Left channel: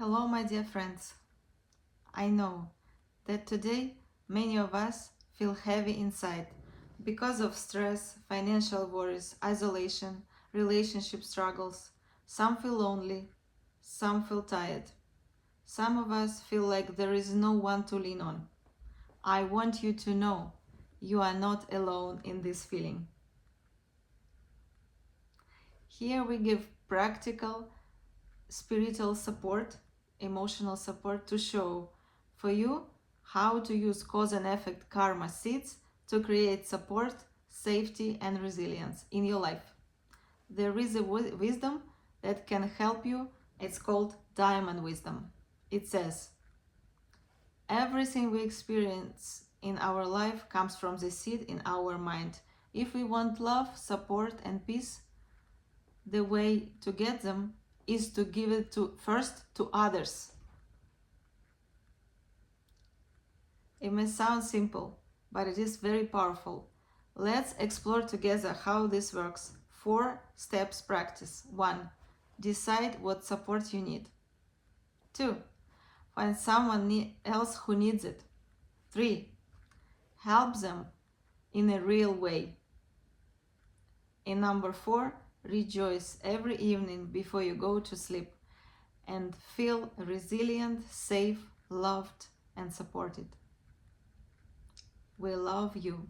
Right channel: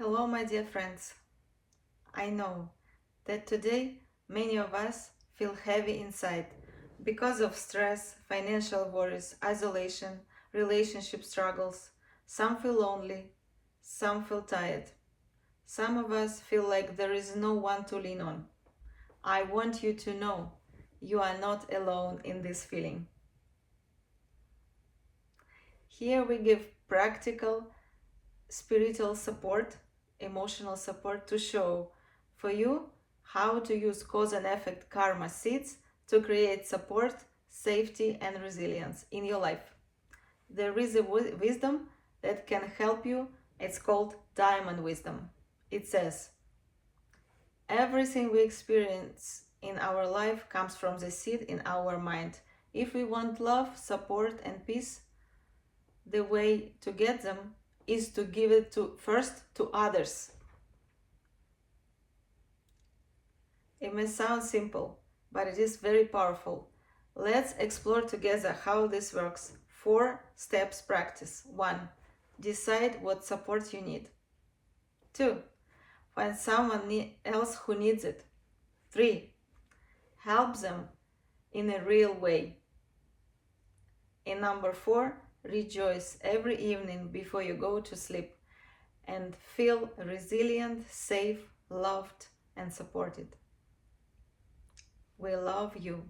Hello, my dear friends. I know that today many of us feel heavy inside because of stress, financial worries, isolation, relationship struggles. Some feel lonely, some feel tired. Some of us feel like there is no one to lean on. I want you to know you are not alone in this feeling. Here we give practical spiritual support, emotional support to show for you how to use cause and effect karma seeds to create support, safety, and resilience in your life. There is a wisdom that can help you. It's called diamond wisdom. It says, everything we experience in our life comes from the seed in our mind. If we want love, support, and peace, the way to get them is to give it first to others. It may sound simple, but it is very powerful. Let's explore together how this works. 4 steps practice. 1. Decide what support you need. 2. Find someone else who needs it. 3. Help them in a real way. And number 4, rejoice every evening before you go to sleep and feel resilient, safe, loved, and supported. We love you.